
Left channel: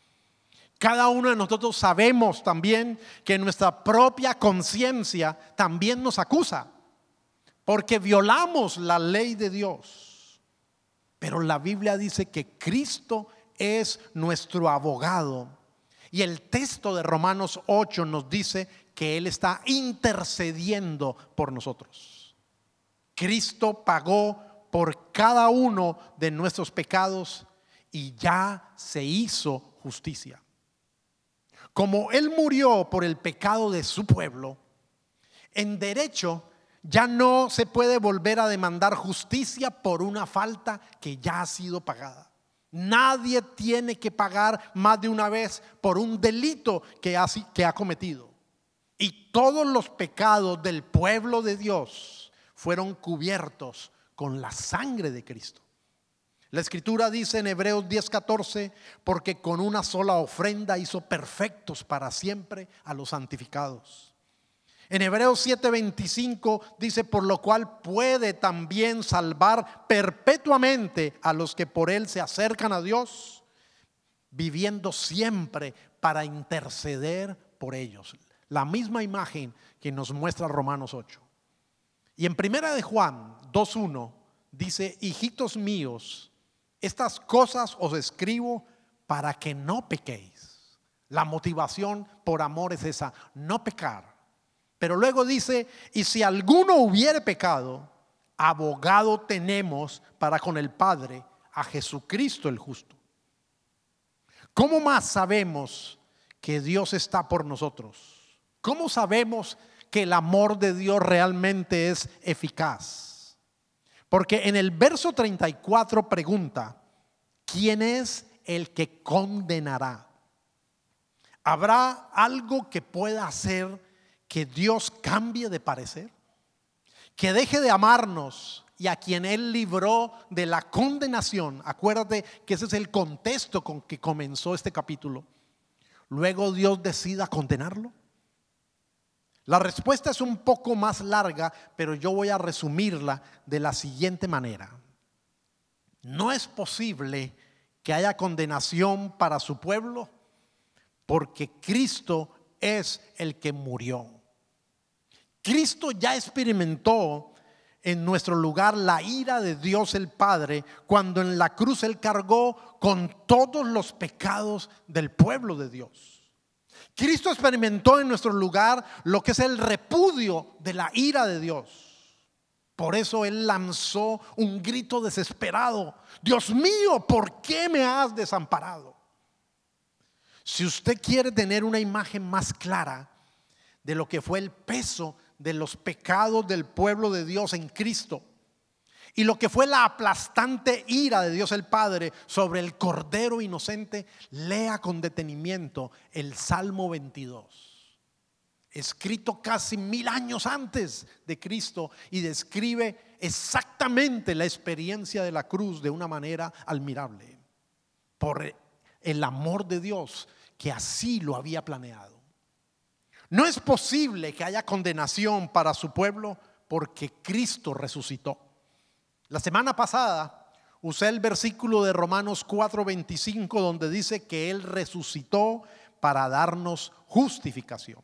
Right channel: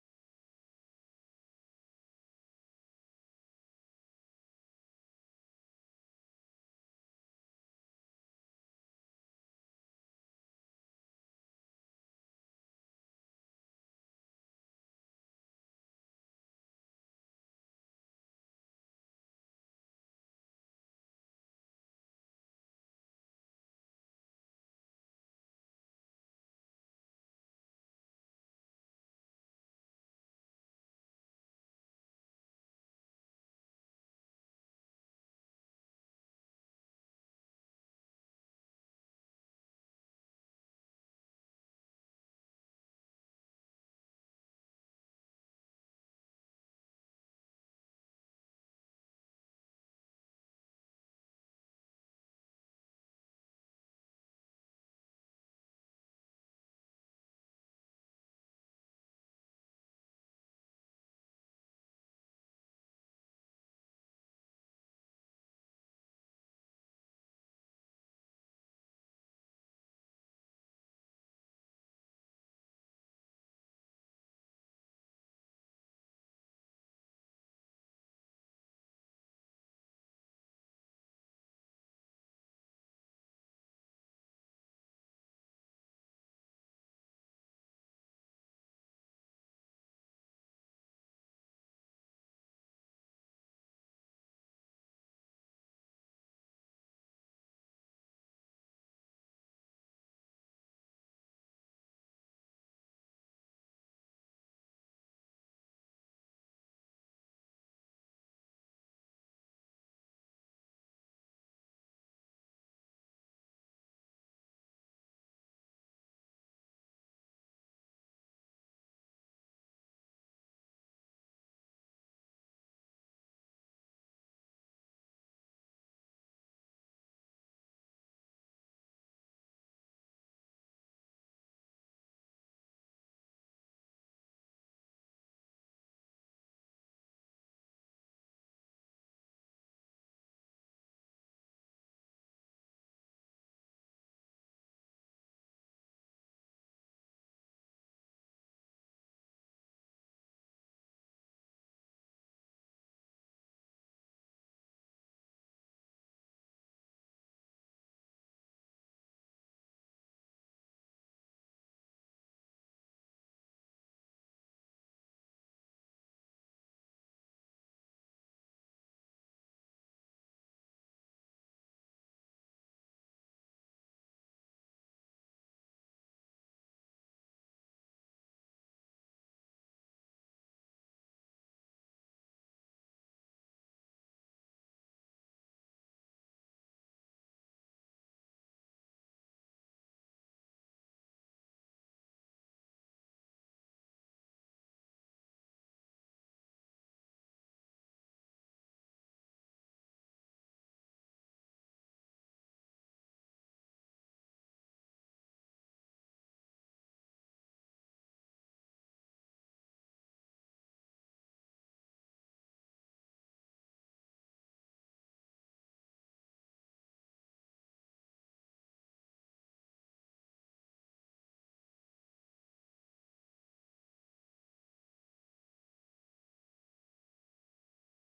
Cada uno de nosotros sabemos también que nuestra propia conciencia también nos acusa, porque violamos la ley de Dios. Pero la Biblia dice que Cristo es nuestro abogado, y el texto de Romanos 8 nos dice que Él está intercediendo por nosotros. Cristo pagó por cada uno de nuestros pecados y ya se hizo justicia. Como Él murió por el pecado de su pueblo, en derecho ya no se puede volver a demandar justicia por una falta que ya ha sido pagada. Nadie tiene que pagar más de una vez por un delito que ha cometido. Y todos los pecados del pueblo de Dios fueron cubiertos con la sangre de Cristo. La escritura dice en Hebreos 10:14: porque con una sola ofrenda hizo perfectos para siempre a los santificados. En Hebreos 7:25 dice: por lo cual puede también salvar perpetuamente a los que por él se acercan a Dios, viviendo siempre para interceder por ellos. La misma imagen que nos muestra Romanos 8. Y en primera de Juan 2:1 dice: hijitos míos, estas cosas os escribo para que no pequéis. La motivación por amor es esa, no pecar. Pero luego dice: y si alguno hubiere pecado, abogado tenemos para con el Padre, a Jesucristo el justo. ¿Cómo más sabemos que Dios está por nosotros? ¿Cómo sabemos que el amor de Dios realmente es eficaz? Porque en el verso 34 pregunta: ¿quién es el que condenará? ¿Habrá algo que pueda hacer que Dios cambie de parecer? ¿Que deje de amarnos y a quien Él libró de la condenación? Acuérdate que ese es el contexto con que comenzó este capítulo. Luego Dios decida condenarlo. La respuesta es un poco más larga, pero yo voy a resumirla de la siguiente manera. No es posible que haya condenación para su pueblo porque Cristo es el que murió. Cristo ya experimentó en nuestro lugar la ira de Dios el Padre cuando en la cruz Él cargó con todos los pecados del pueblo de Dios. Cristo experimentó en nuestro lugar lo que es el repudio de la ira de Dios. Por eso Él lanzó un grito desesperado: Dios mío, ¿por qué me has desamparado? Si usted quiere tener una imagen más clara de lo que fue el peso de los pecados del pueblo de Dios en Cristo y lo que fue la aplastante ira de Dios el Padre sobre el Cordero inocente, lea con detenimiento el Salmo 22, escrito casi 1000 años antes de Cristo, y describe exactamente la experiencia de la cruz de una manera admirable, por el amor de Dios que así lo había planeado. No es posible que haya condenación para su pueblo porque Cristo resucitó. La semana pasada usé el versículo de Romanos 4:25 donde dice que Él resucitó para darnos justificación.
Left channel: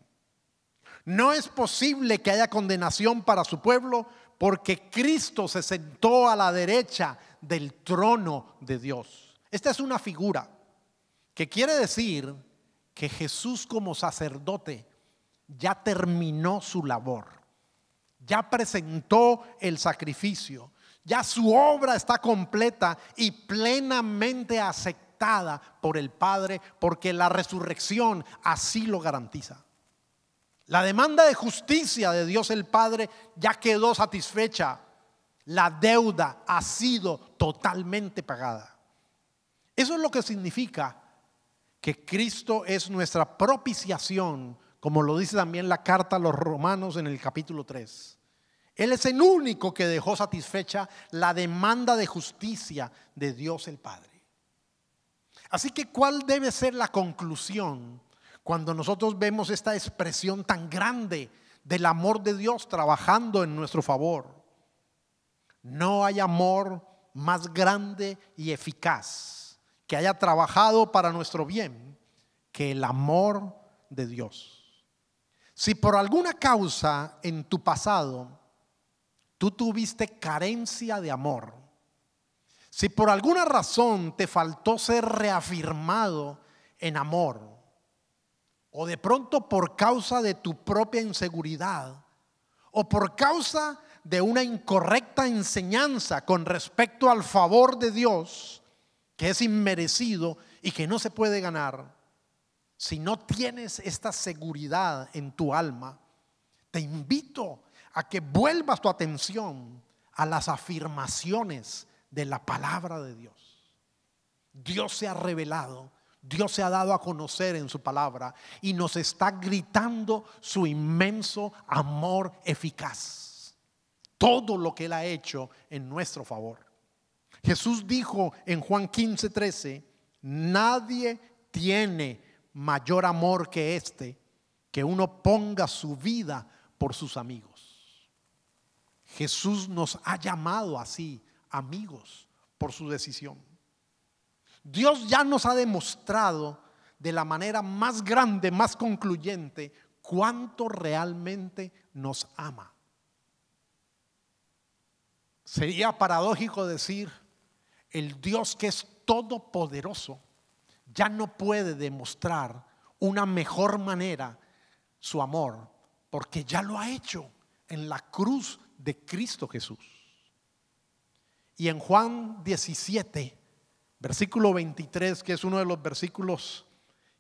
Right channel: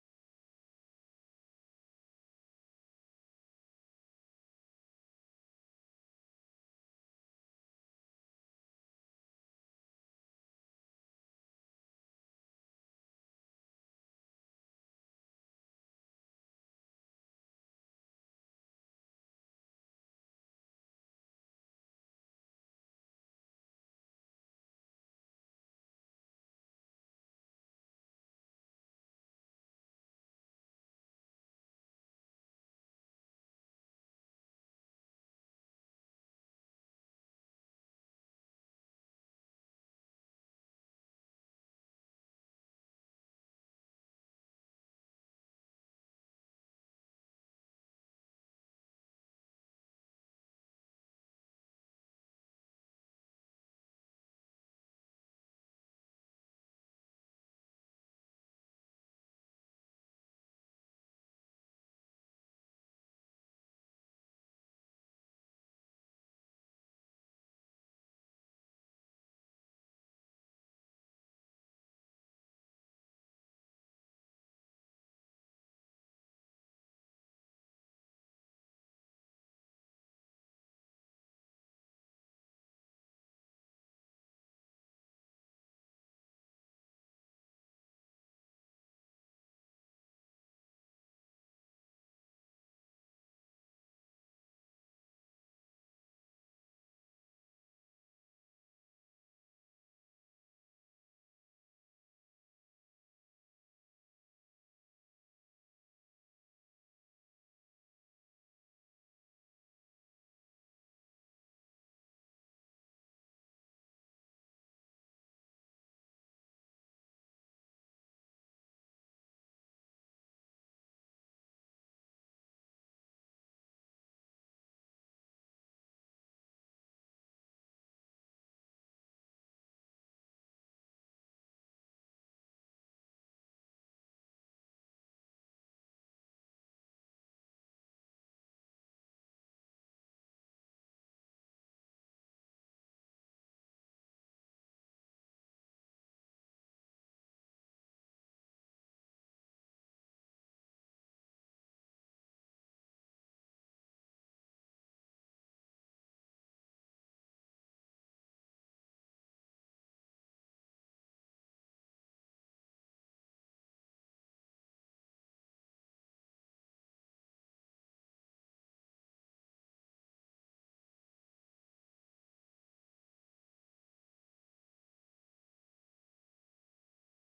No es posible que haya condenación para su pueblo porque Cristo se sentó a la derecha del trono de Dios. Esta es una figura que quiere decir que Jesús como sacerdote ya terminó su labor, ya presentó el sacrificio, ya su obra está completa y plenamente aceptada por el Padre, porque la resurrección así lo garantiza. La demanda de justicia de Dios el Padre ya quedó satisfecha. La deuda ha sido totalmente pagada. Eso es lo que significa que Cristo es nuestra propiciación, como lo dice también la carta a los Romanos en el capítulo 3. Él es el único que dejó satisfecha la demanda de justicia de Dios el Padre. Así que, ¿cuál debe ser la conclusión cuando nosotros vemos esta expresión tan grande del amor de Dios trabajando en nuestro favor? No hay amor más grande y eficaz que haya trabajado para nuestro bien que el amor de Dios. Si por alguna causa en tu pasado tú tuviste carencia de amor, si por alguna razón te faltó ser reafirmado en amor, o de pronto por causa de tu propia inseguridad, o por causa de una incorrecta enseñanza con respecto al favor de Dios, que es inmerecido y que no se puede ganar, si no tienes esta seguridad en tu alma, te invito a que vuelvas tu atención a las afirmaciones de la palabra de Dios. Dios se ha revelado, Dios se ha dado a conocer en su palabra y nos está gritando su inmenso amor eficaz. Todo lo que Él ha hecho en nuestro favor. Jesús dijo en Juan 15:13: nadie tiene mayor amor que este, que uno ponga su vida por sus amigos. Jesús nos ha llamado así, amigos, por su decisión. Dios ya nos ha demostrado de la manera más grande, más concluyente, cuánto realmente nos ama. Sería paradójico decir: el Dios que es todopoderoso ya no puede demostrar una mejor manera su amor, porque ya lo ha hecho en la cruz de Cristo Jesús. Y en Juan 17, versículo 23, que es uno de los versículos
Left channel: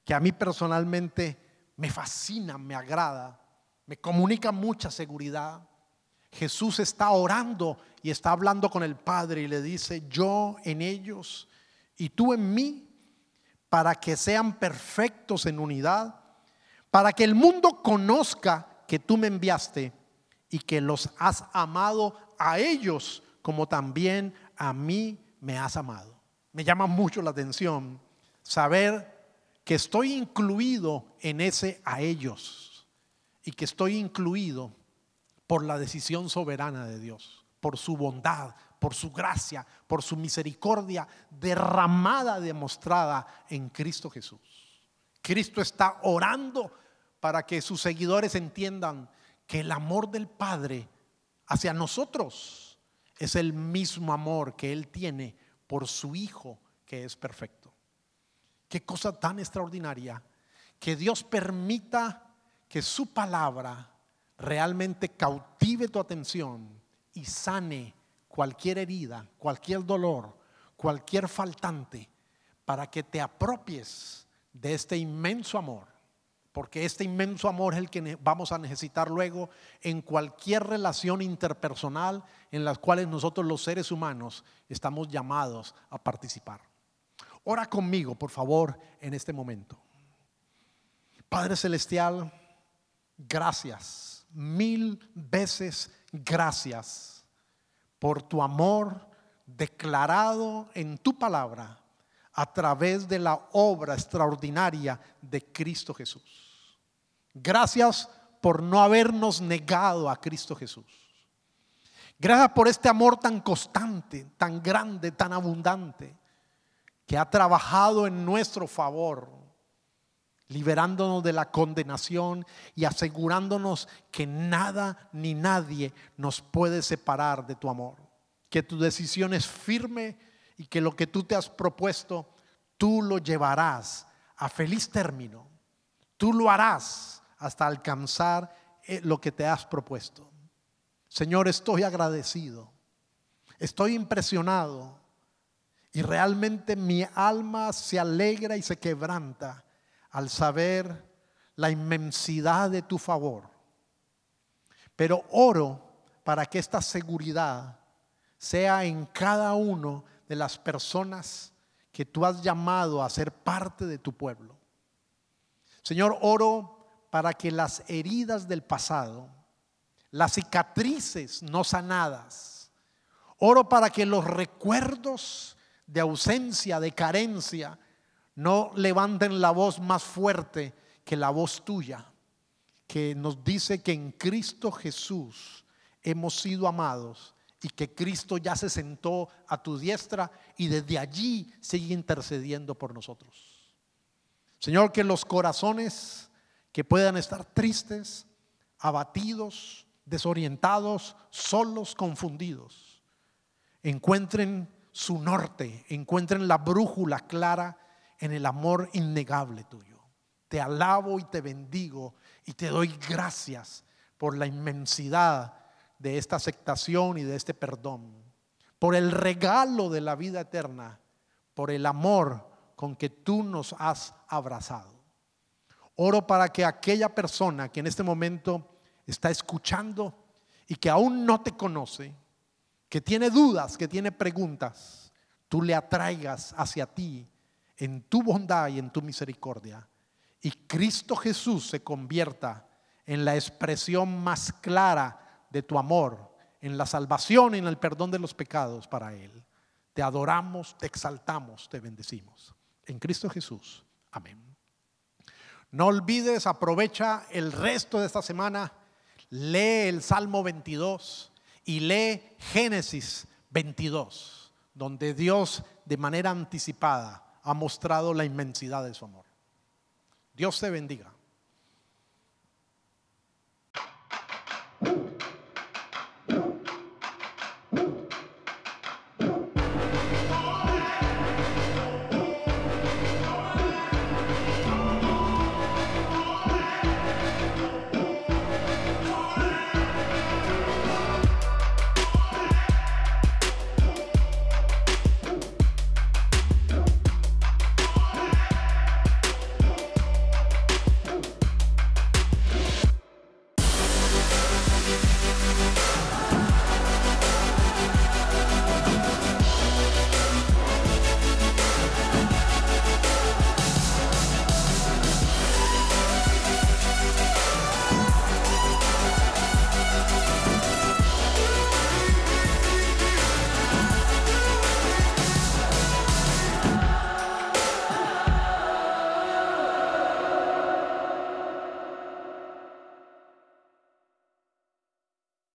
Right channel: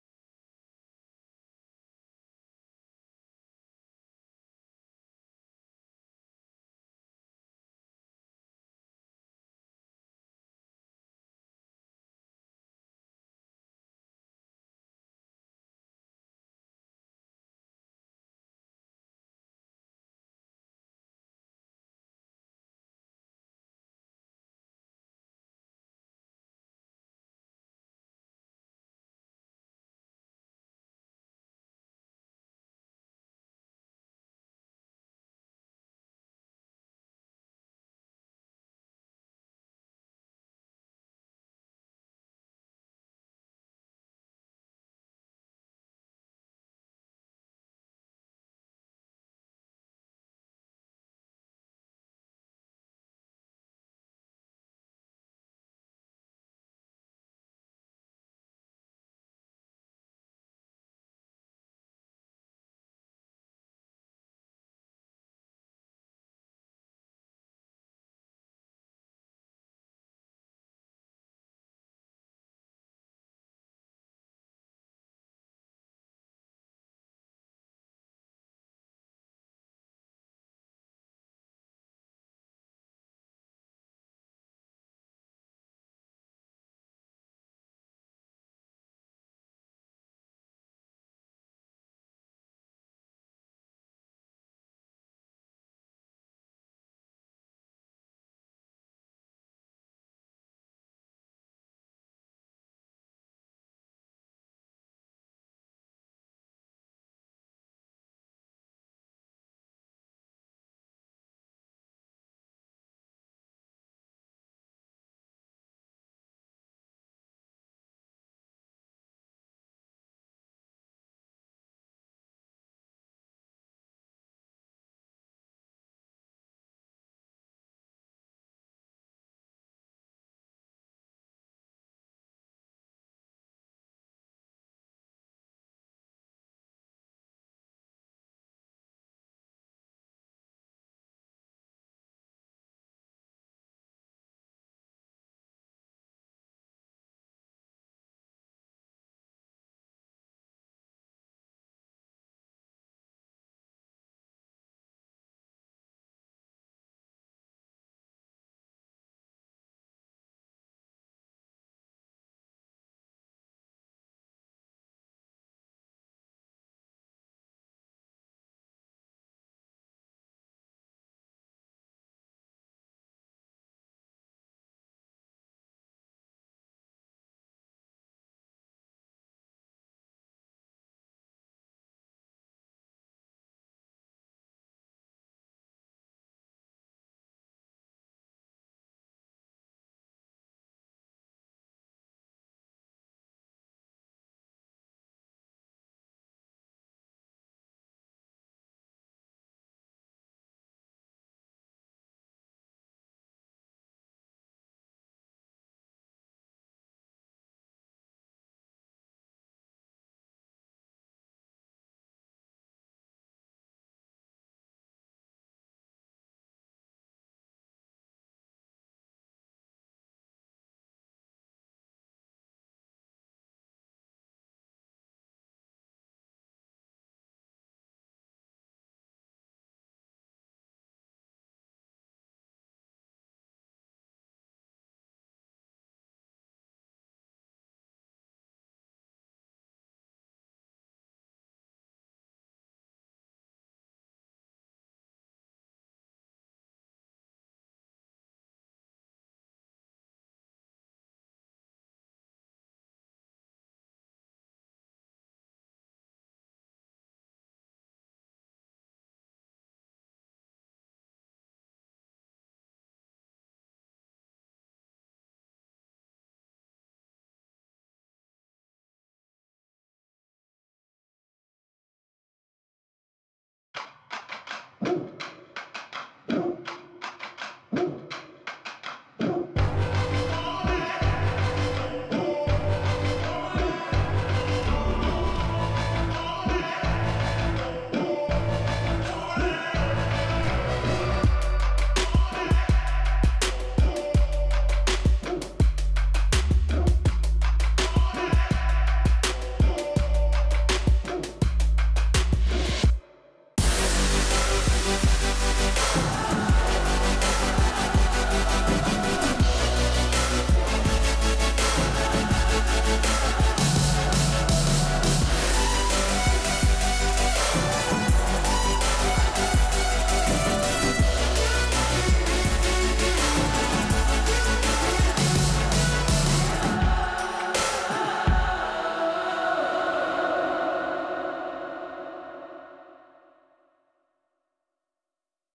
que a mí personalmente me fascina, me agrada, me comunica mucha seguridad. Jesús está orando y está hablando con el Padre y le dice: yo en ellos y tú en mí, para que sean perfectos en unidad, para que el mundo conozca que tú me enviaste y que los has amado a ellos como también a mí me has amado. Me llama mucho la atención saber que estoy incluido en ese a ellos. y que estoy incluido por la decisión soberana de Dios, por su bondad, por su gracia, por su misericordia derramada, demostrada en Cristo Jesús. Cristo está orando para que sus seguidores entiendan que el amor del Padre hacia nosotros es el mismo amor que Él tiene por su Hijo, que es perfecto. Qué cosa tan extraordinaria que Dios permita que su palabra realmente cautive tu atención y sane cualquier herida, cualquier dolor, cualquier faltante, para que te apropies de este inmenso amor, porque este inmenso amor es el que vamos a necesitar luego en cualquier relación interpersonal en las cuales nosotros los seres humanos estamos llamados a participar. Ora conmigo, por favor, en este momento. Padre Celestial, gracias, 1000 veces gracias por tu amor declarado en tu palabra a través de la obra extraordinaria de Cristo Jesús. Gracias por no habernos negado a Cristo Jesús. Gracias por este amor tan constante, tan grande, tan abundante, que ha trabajado en nuestro favor, liberándonos de la condenación y asegurándonos que nada ni nadie nos puede separar de tu amor. Que tu decisión es firme y que lo que tú te has propuesto, tú lo llevarás a feliz término. Tú lo harás hasta alcanzar lo que te has propuesto. Señor, estoy agradecido, estoy impresionado y realmente mi alma se alegra y se quebranta al saber la inmensidad de tu favor. Pero oro para que esta seguridad sea en cada uno de las personas que tú has llamado a ser parte de tu pueblo. Señor, oro para que las heridas del pasado, las cicatrices no sanadas, oro para que los recuerdos de ausencia, de carencia, no levanten la voz más fuerte que la voz tuya, que nos dice que en Cristo Jesús hemos sido amados y que Cristo ya se sentó a tu diestra y desde allí sigue intercediendo por nosotros. Señor, que los corazones que puedan estar tristes, abatidos, desorientados, solos, confundidos, encuentren su norte, encuentren la brújula clara en el amor innegable tuyo. Te alabo y te bendigo y te doy gracias por la inmensidad de esta aceptación y de este perdón, por el regalo de la vida eterna, por el amor con que tú nos has abrazado. Oro para que aquella persona que en este momento está escuchando y que aún no te conoce, que tiene dudas, que tiene preguntas, tú le atraigas hacia ti en tu bondad y en tu misericordia, y Cristo Jesús se convierta en la expresión más clara de tu amor, en la salvación y en el perdón de los pecados para Él. Te adoramos, te exaltamos, te bendecimos. En Cristo Jesús. Amén. No olvides, aprovecha el resto de esta semana, lee el Salmo 22 y lee Génesis 22, donde Dios de manera anticipada ha mostrado la inmensidad de su amor. Dios te bendiga.